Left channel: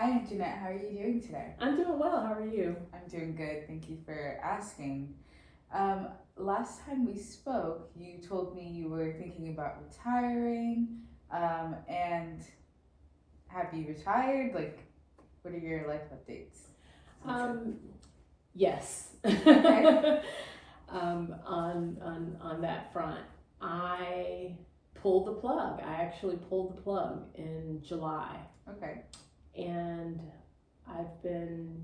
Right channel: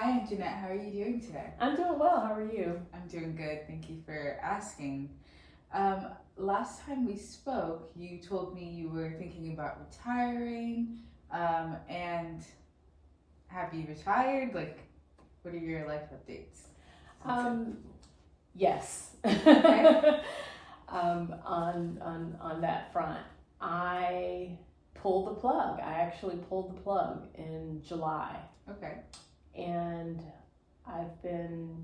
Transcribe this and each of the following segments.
Hi, I'm Jeanette. How are you doing today? I'm doing well. How are you? I'm doing good. Thank you for asking. Last time we spoke, you told me you were thinking about retiring. And have you retired? Like, what are your life updates? Yes. Okay. On that front, I pulled the plug. I actually pulled the plug in July, Okay. and I've been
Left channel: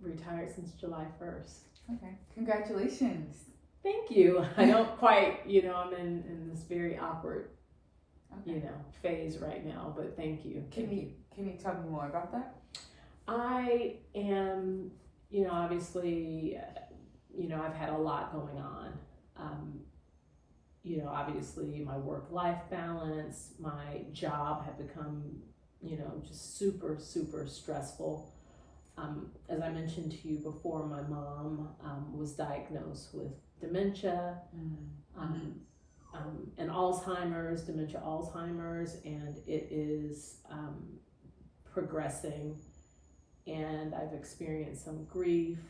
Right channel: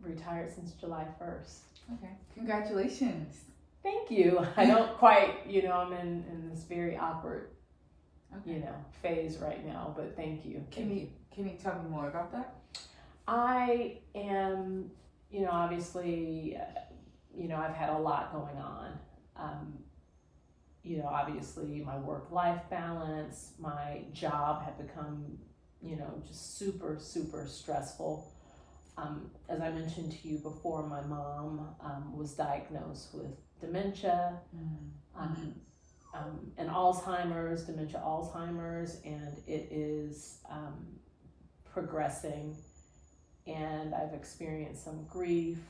retired since July 1st. Okay. Congratulations. Thank you. I don't quite, I'm in this very awkward, Okay. phase right now, but thank you. Can you tell me more about that? I am, obviously, I've had a lot going on. Obviously my work-life balance, my job had become, just super, super stressful. As I mentioned to you before, my mom was diagnosed with dementia, and Alzheimer's, Alzheimer's, and it is progressing, and I've experienced some grief.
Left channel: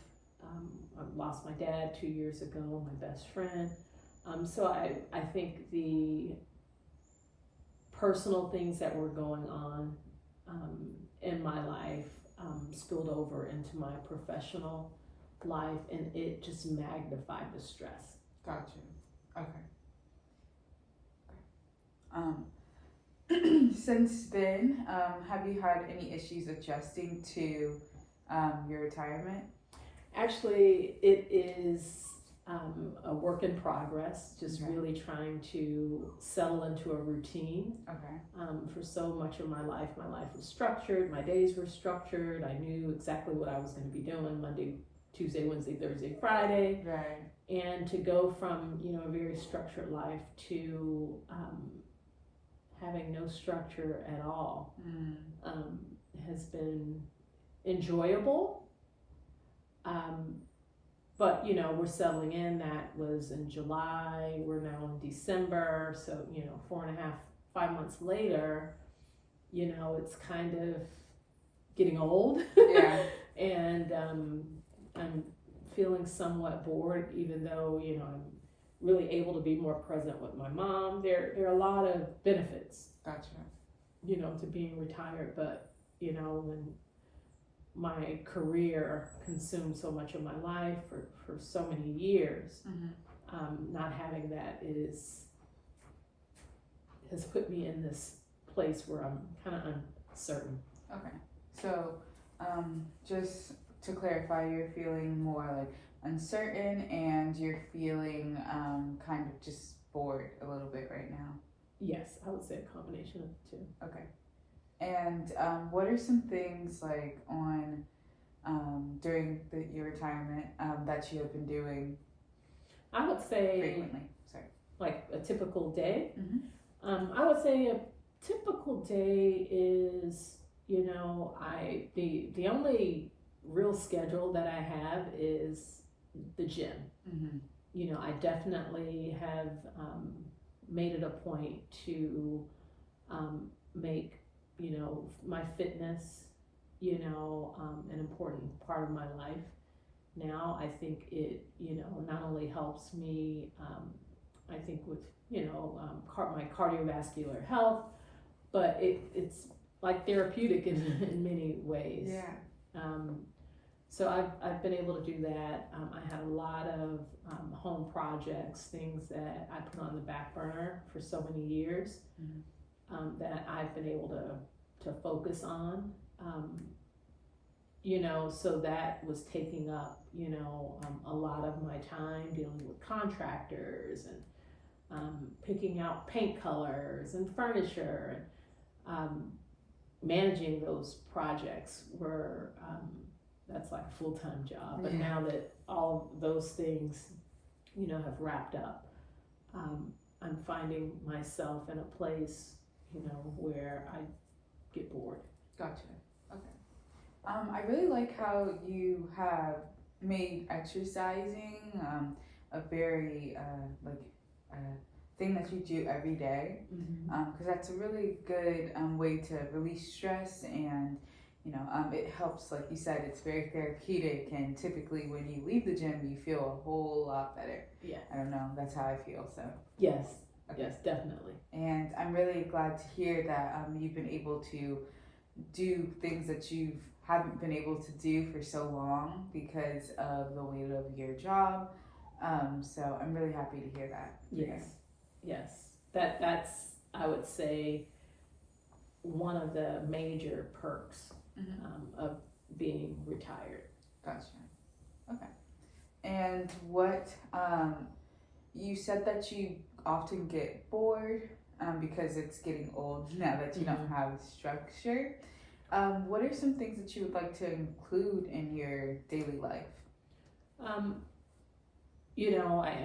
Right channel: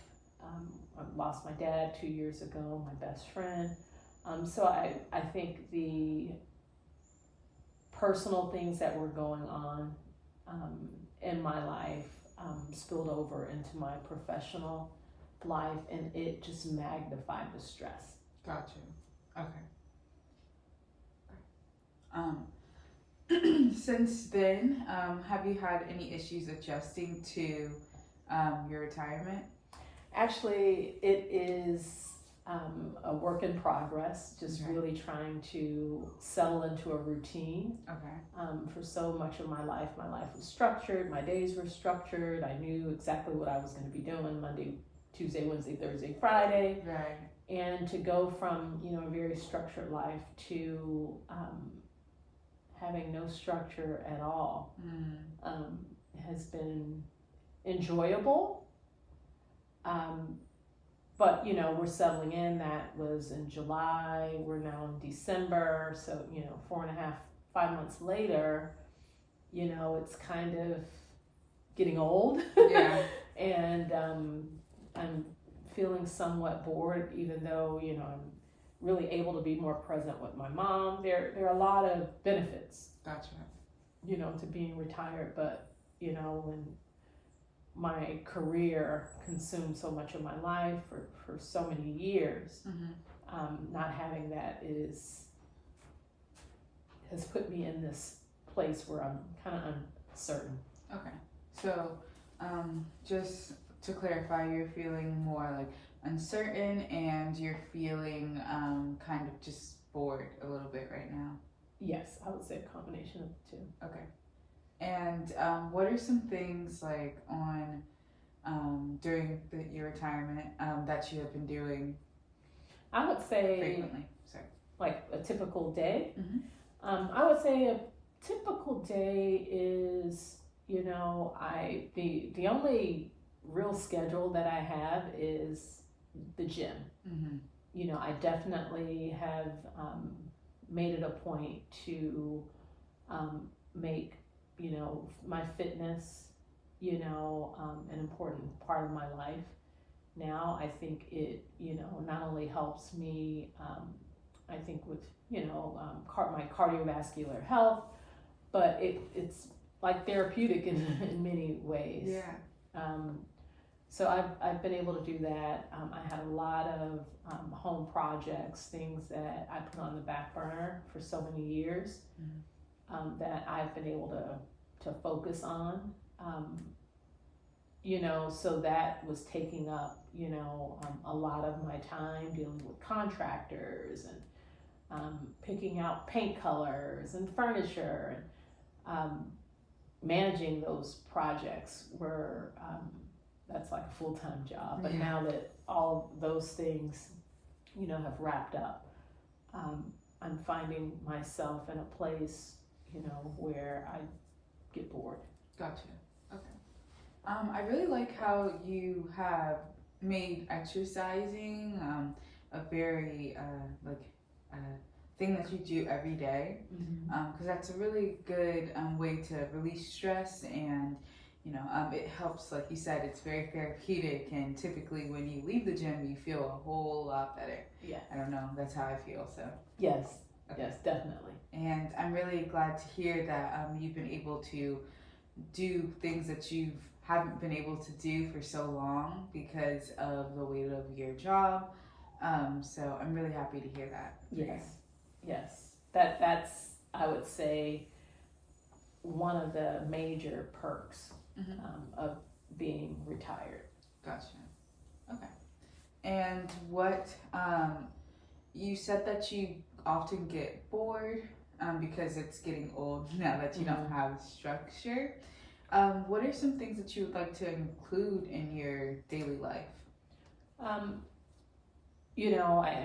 I lost my dad 2 years ago, my best friend. So I think the personal things that were going on in my life spilled over into my professional life, and it just magnified the stress. Gotcha. Okay. Since then, have you had any issues adjusting to your retirement? Actually, it is a work in progress, just Okay. really trying to settle into a routine. Okay. For so much of my life was structured, my days were structured, I knew exactly what I was going to be doing Monday, Tuesday, Wednesday, Thursday, Friday. Right. And to go from, a very structured life to having no structure at all has been enjoyable. But we're settling in. That was in July. We're now in December. So 4.5, 5 months later, it's kind of getting old. Yeah. And I'm feeling somewhat bored, even though I'm really able to be more present with my mom. There are a lot of benefits. Gotcha. To being retired, but when my career consumed so much of my life for so many years, not having that has put me in this place where I'm kind of uncertain. Okay. So, just to clarify, you're feeling more like uncertain, and you're feeling kind of just bored a little bit right now. Yes, I would say a combination of the two. Okay. And what are some things like on during your retirement that you have been doing? I would say frequently. Sorry. Like a typical day. Mm-hmm. I would say a typical day is the only real schedule that I have is the gym. Mm-hmm. I definitely have made it a point to make my fitness an important part of my life. Now I think it not only helps me I think with my cardiovascular health, but it's like therapeutic in many ways. Yeah. So I've been able to do that. I had a lot of home projects, things that I put on the back burner for so many years, that I've been able to focus on. So that was taking up a lot of my time, dealing with contractors and picking out paint colors and furniture, and managing those projects were that's like a full-time job. But now that all of those things have wrapped up, I'm finding myself in a place where I get bored. Gotcha. Okay. I really like how you have made exercising a very thing that you do every day, because that's a really good way to release stress and it helps, like you said, it's very therapeutic, and typically when you leave the gym, you feel a whole lot better. Yeah. I don't know, that's how I feel, so. Yes. Okay. Yes, definitely. And I'm really glad to hear that you've been able to do things that you haven't been able to do for so long because of the weight of your job. So I'm really happy to hear that. Yes. Yes. That's, I would say, one of the major perks of being retired. Gotcha. Okay. And what, you said that you often get bored because it's getting old now that you don't have structure. What are some things that you would like to include in your daily life? I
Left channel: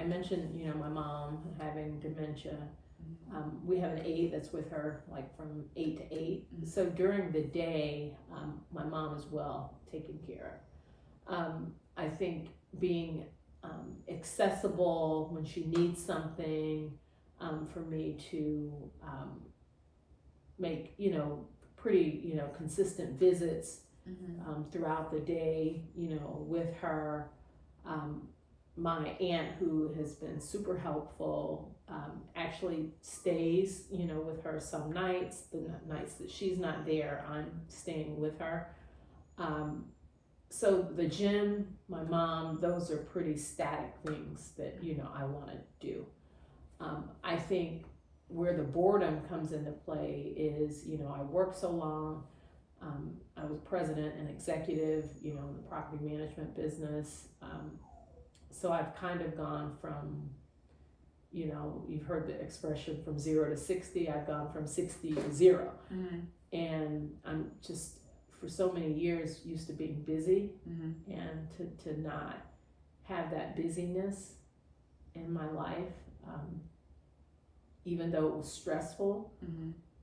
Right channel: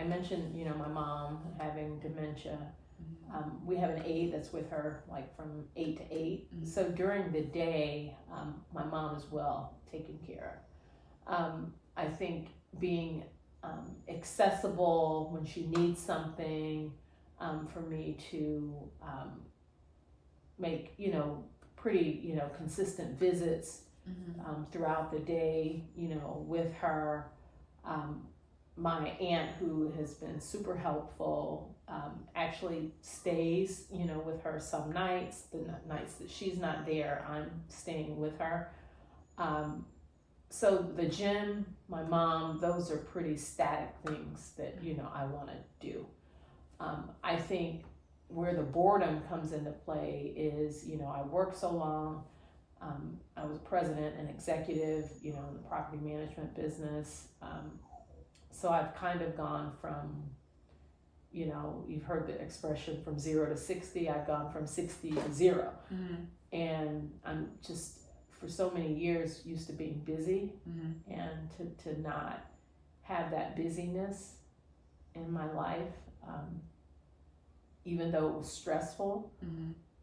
mentioned, my mom having dementia. We have an aide that's with her, like from 8 to 8. So during the day, my mom is well taken care of. I think being accessible when she needs something, for me to make, pretty, consistent visits throughout the day, with her. My aunt, who has been super helpful, actually stays, with her some nights. The nights that she's not there, I'm staying with her. So the gym, my mom, those are pretty static things that, I want to do. I think where the boredom comes into play is, I worked so long. I was president and executive, in the property management business. So I've kind of gone from, you've heard the expression from 0 to 60. I've gone from 60 to 0. And I'm just, for so many years, used to being busy, and to not have that busyness in my life, even though it was stressful,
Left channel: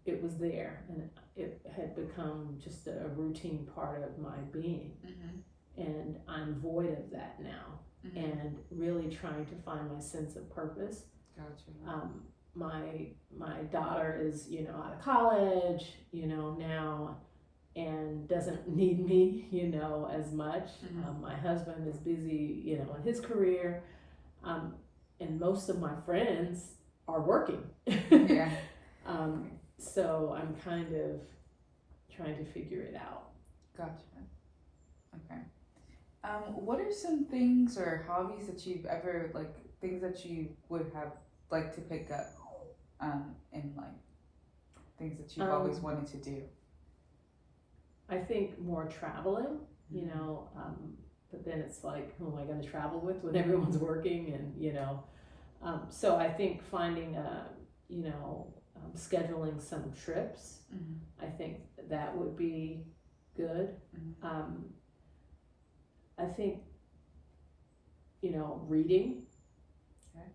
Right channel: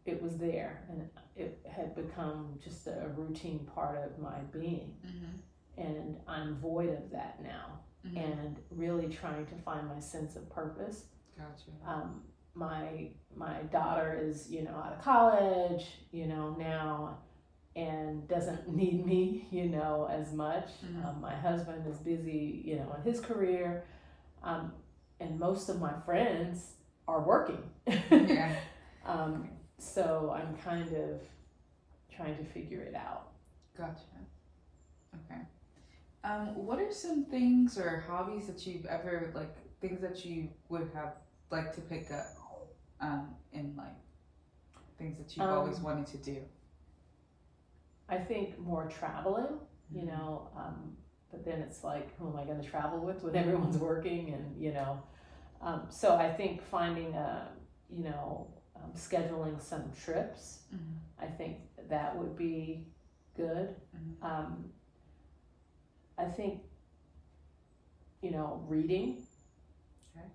it was there, and it had become just a routine part of my being. And I'm void of that now. And really trying to find my sense of purpose. Gotcha. My daughter is, out of college, now, and doesn't need me, as much. My husband is busy, in his career. And most of my friends are working. Yeah. So I'm kind of trying to figure it out. Gotcha. Okay. What are some things or hobbies that you've ever, things that you would have liked to pick up in life? Things that you've always wanted to do? I think more traveling, but then it's like, who am I going to travel with when everyone's working? And, so I think finding scheduling some trips, I think that would be good. I think, reading, okay.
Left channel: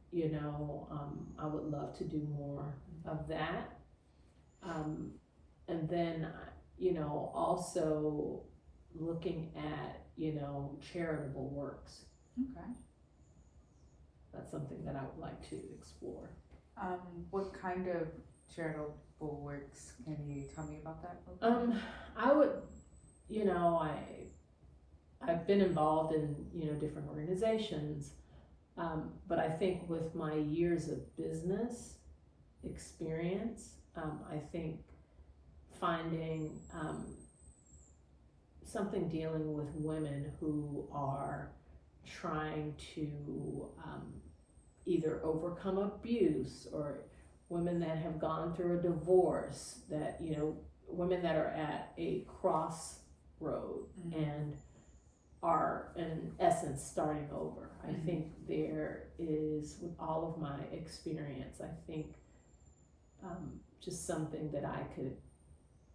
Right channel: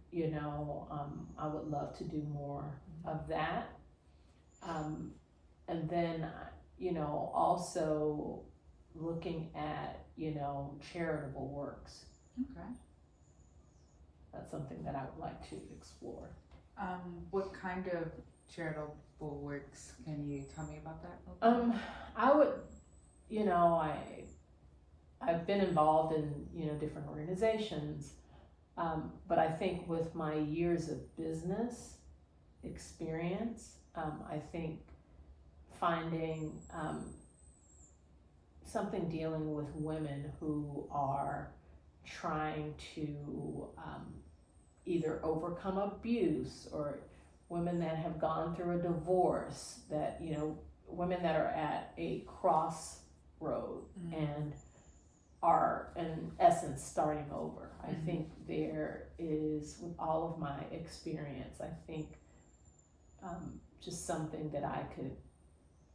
I would love to do more of that. And then, also looking at, charitable works. Okay. That's something that I would like to explore. What kind of charitable works? Can you tell me about that? I would, I've been involved in, different organizations, but I think with my years of business experience, I think finding something dealing with women who are trying to either overcome abuse, or women that have gone through a divorce, that, women that are at a crossroad and are in essence starting over. I think there is, with all of my experience, I think just something that I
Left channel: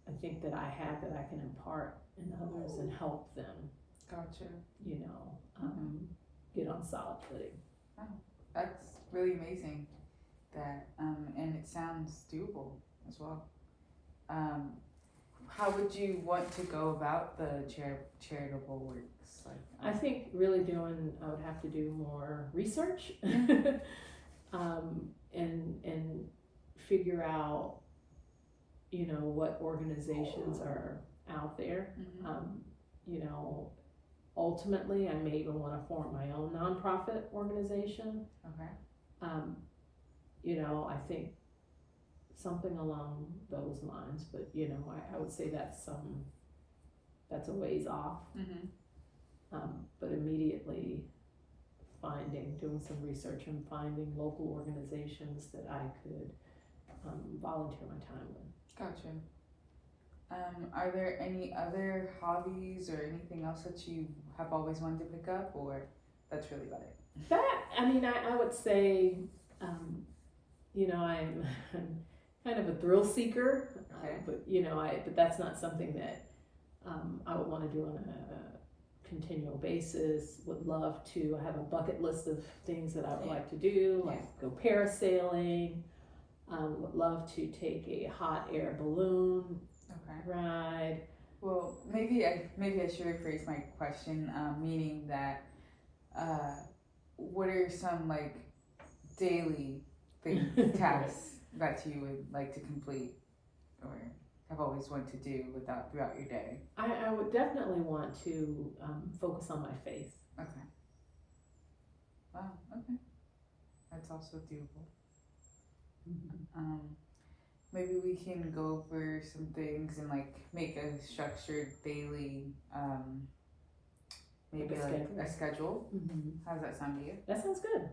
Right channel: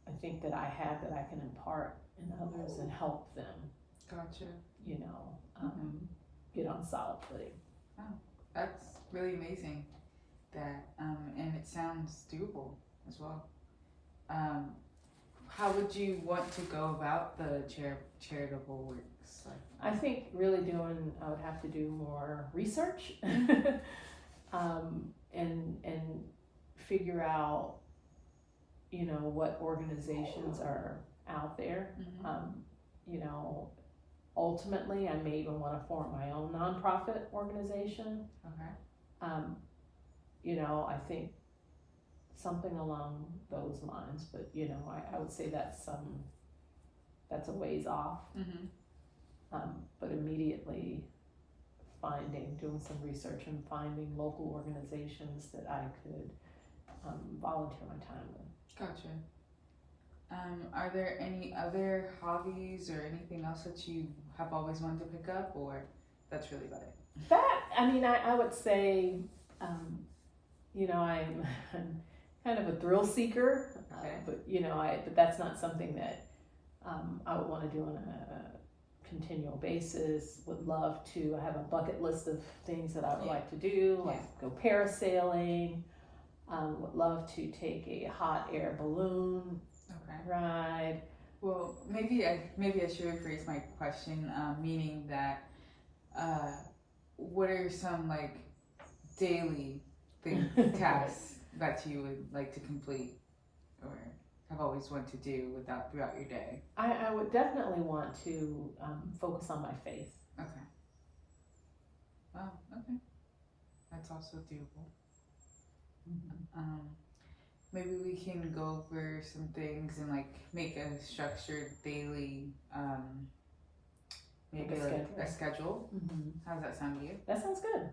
have that I can impart in others and help them. Gotcha. Get on solid footing. Oh, that's really amazing. That and it sounds doable as well. How would you want to go about the charitable works? I think really I would have to do more research, and figure out, what organizations are out there. Mhm. You know, ultimately, I may even want to form my own nonprofit organization. Okay. You know, I think something along those lines, but you know, I would say that's a ways off. Mhm. But immediately doing some research and finding local organizations that I could volunteer my time with. Gotcha. Are there any other hobbies or anything else that you have always wanted to pick up, or that's really about it? That, I mean, I would say, you know, I'm kind of a thrill seeker, Okay. but you know, but that's not something that I would want to do on a continual basis. Would love to have a bucket list of things that I would like to do, like go parasailing. Would love to take a hot air balloon ride. Well, maybe I should rephrase my question, meaning that what are some like daily tasks that you would like to complete or have always wanted to do throughout your day? I would definitely want to focus on my faith. Okay. Wow. Okay. That's also doable. Maybe we can go over some things and like make a structured daily, maybe like a schedule. How's that sound to you? That sounds good.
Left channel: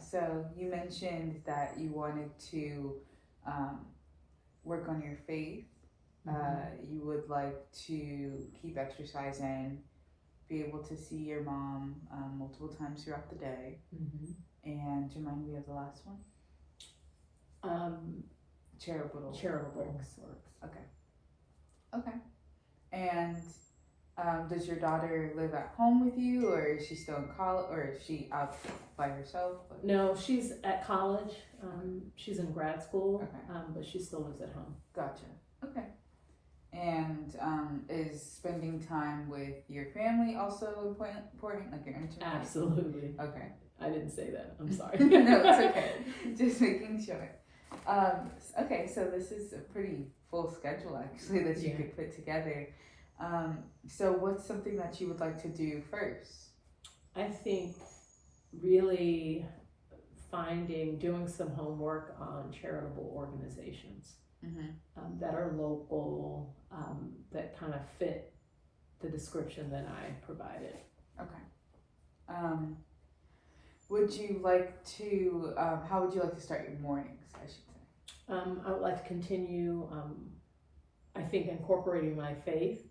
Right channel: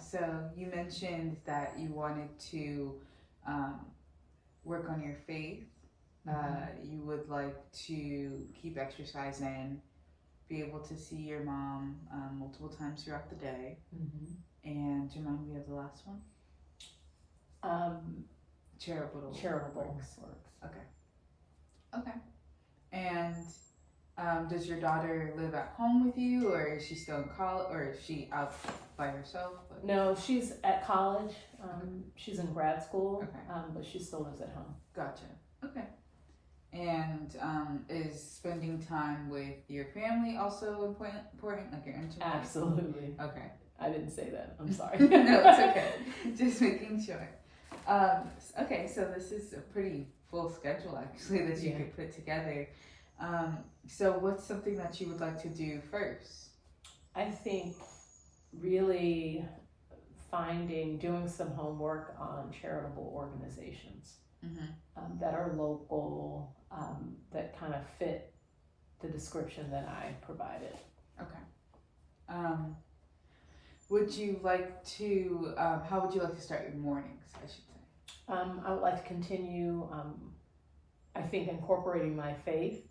So you mentioned that you wanted to work on your faith. You would like to keep exercising, be able to see your mom multiple times throughout the day. And do you remind me of the last one? Charitable works. Okay. And does your daughter live at home with you, or is she still in college, or is she out by herself? No, she's at college. She's in grad school, but she still lives at home. Gotcha. Okay. And is spending time with your family also important, like your intimate? Absolutely. Okay. I didn't say that. I'm sorry. No, it's okay. Just making sure. Okay, so this is a pretty full schedule actually that you could put together. So what's something that you would like to do first? I think really doing some homework on charitable organizations that are local, that kind of fit the description that I provided. Okay. Would you like to, how would you like to start your mornings, I should say? I would like to continue, I think, incorporating my faith.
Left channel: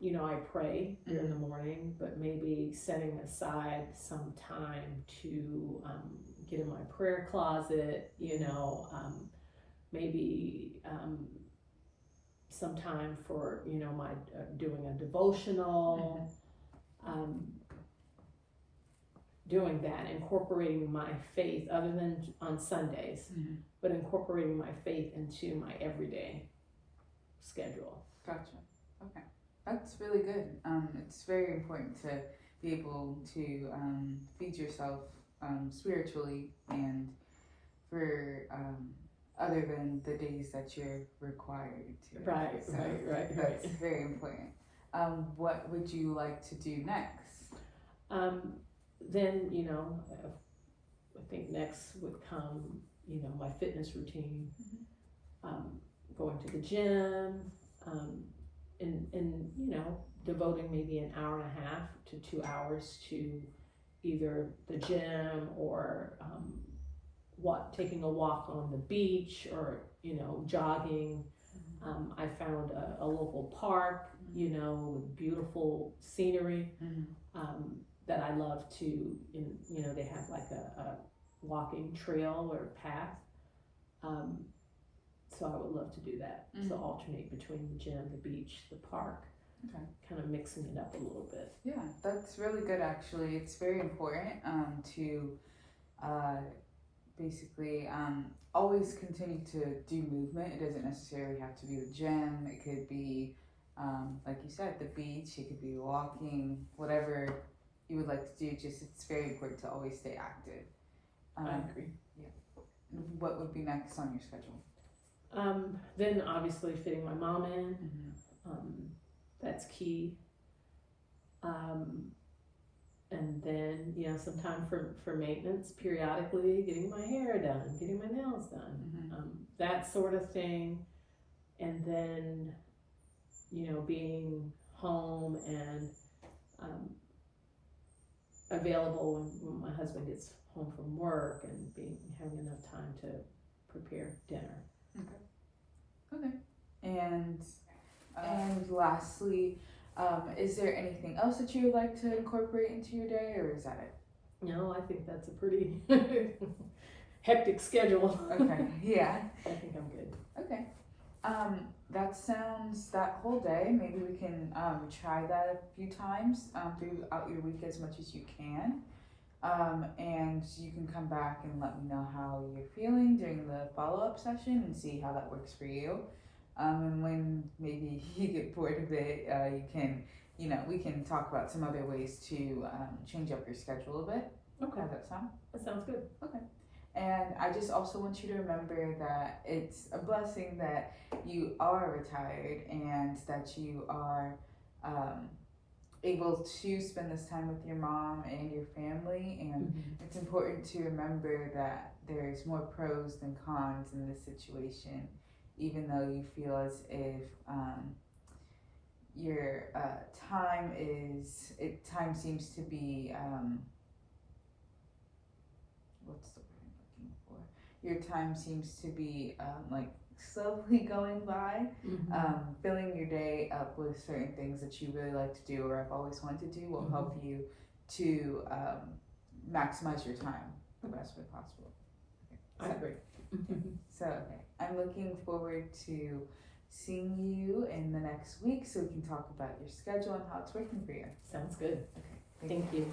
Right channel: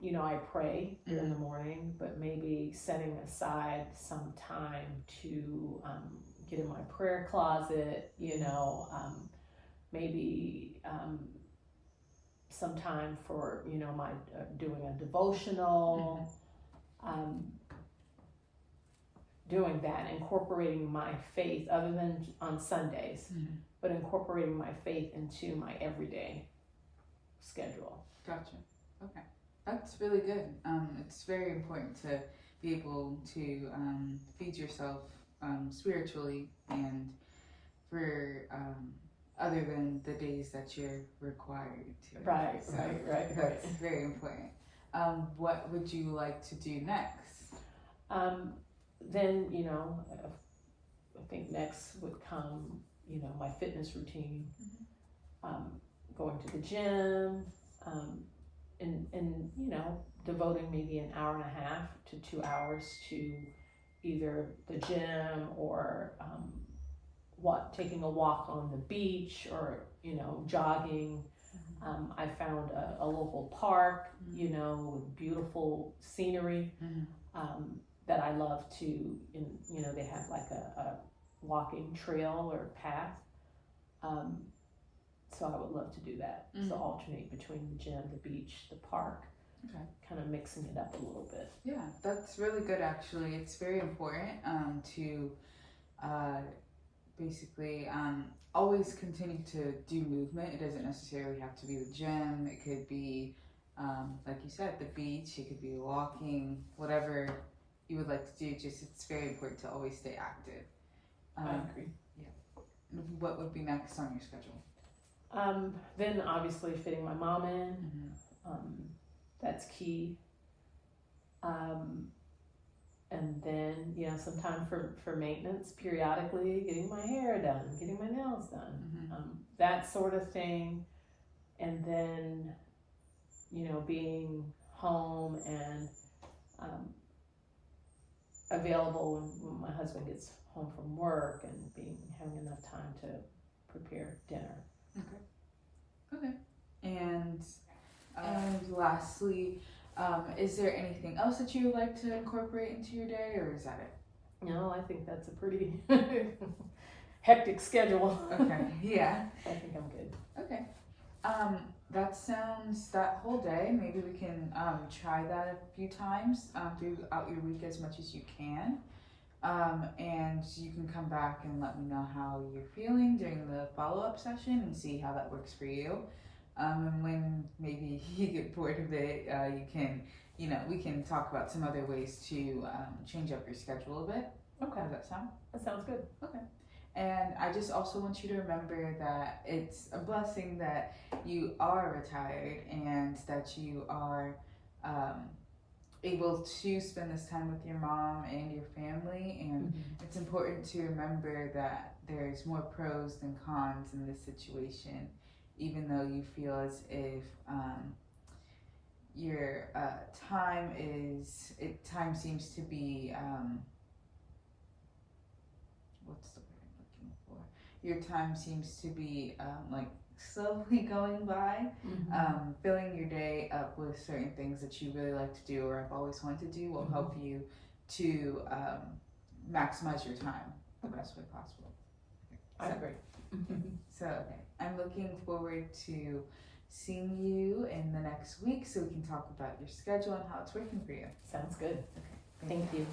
You know, I pray in the morning, but maybe setting aside some time to get in my prayer closet, you know, maybe some time for, you know, my doing a devotional, doing that, incorporating my faith, other than on Sundays, but incorporating my faith into my everyday schedule. Gotcha. Okay. That's really good. It's very important to be able to feed yourself spiritually and for other than the days that you're required to. Right. That's very important. What would you like to do next? Then, you know, I think next would come, you know, my fitness routine, going to the gym, and you know, devoting maybe an hour and a half to 2 hours to either the gym or taking a walk on the beach, or you know, jogging. I found a local park, you know, with beautiful scenery that I love to. You know, they have like a walking trail or path. So I would love to do that. So alternate between the gym, the beach, the park. Okay. Kind of mixing it up a little bit. Yeah, that's really good actually. It's very important to basically always continue to do movement. It doesn't necessarily have to be the gym. It could be, like you said, the beach. It could be walking, whatever you would like to do. Just it's very important to always stay active. I agree. Yeah. What would be next on your schedule? Then obviously fitting my mom in, Mm-hmm. that's key. And then, you know, some time for maintenance periodically, getting my hair done, getting my nails done, Mm-hmm. that sort of thing. And then, you know, being home and available when my husband gets home from work, and having enough time to prepare dinner. Okay. And lastly, is there anything else that you would like to incorporate into your day, or is that it? No, I think that's a pretty hectic schedule. Okay. Yeah. I think I'm good. Okay. That whole day, maybe we can try that a few times throughout your week as much as you can. And you can come back and let me know how you're feeling during the follow-up session and see how that works for you. And when maybe you get bored of it, we can talk about some other ways to change up your schedule a bit. Okay. How does that sound? That sounds good. Okay. And I just also want you to remember that it's a blessing that you are retired and that you are able to spend this time with your mom and your family. And it's important to remember that there's more pros than cons in this situation, even though you feel as if your time seems to be what's the word I'm looking for? Your time seems to be like slowly going by. Filling your day up with certain things that you really like to do or have always wanted to do will help you to maximize your time the best way possible. I agree. So, okay, I'm looking forward to seeing you in the next week so we can talk about your schedule and how it's working for you. Sounds good. Okay, Thank you.